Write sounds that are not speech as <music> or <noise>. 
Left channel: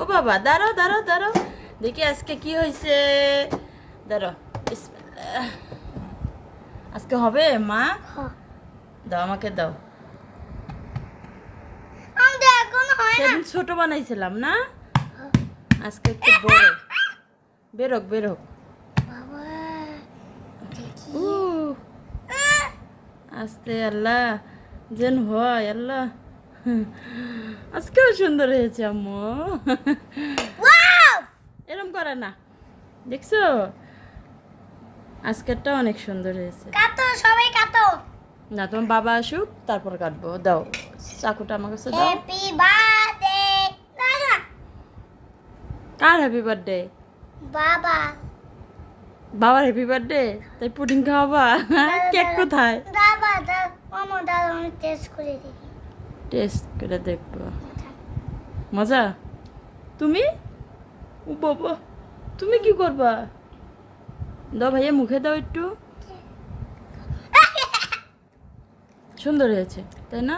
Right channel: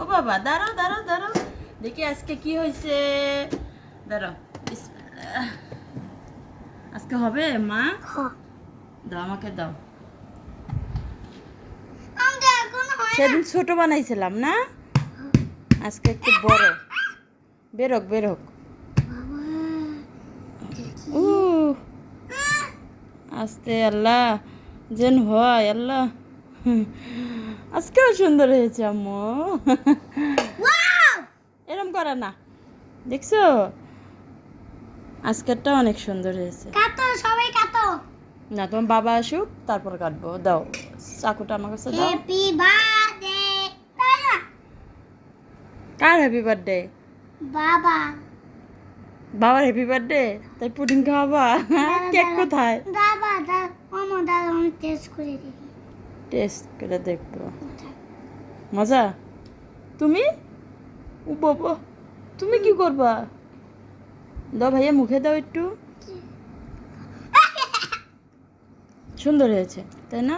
ও বাবা দাঁড়াও দাঁড়াও দাঁড়াও। দেখি আজকে কি হয়েছে। দাঁড়াও আজকে হবে মা? দাও আমাকে দাও। সেদিন ছোট বানাইছিলাম না? আজকে একটু বড়। বেরোক বেরোক আস্তে আল্লাহ। যেন হয় আল্লাহ। <laughs> আজকেও সুন্দর হয়েছে আম্মু। এরম করে না। দেখছ? আজকেরটা অনেক সুন্দর হয়েছে। কাটো সবাই কাটো। না তোমার বাবা আসুক তারপর কাটবো। দাও চাকুটা আমার কাছে দাও। হ্যাপি বার্থডে কার হ্যাপি বার্থডে বাবা। বাবার হ্যাপি বার্থডে তাই পুডিং খাওয়াবা। কেক কোথায়? দাদা দাদা মামা দাদা আমি টেস্ট করে দেখি। টেস্ট করে দেখব। মজা? তুমি? ও বাবা, তুমি কি করবা? দাও ভাইয়া মুখে দাও একটু। সুন্দর হয়েছে, তাই না?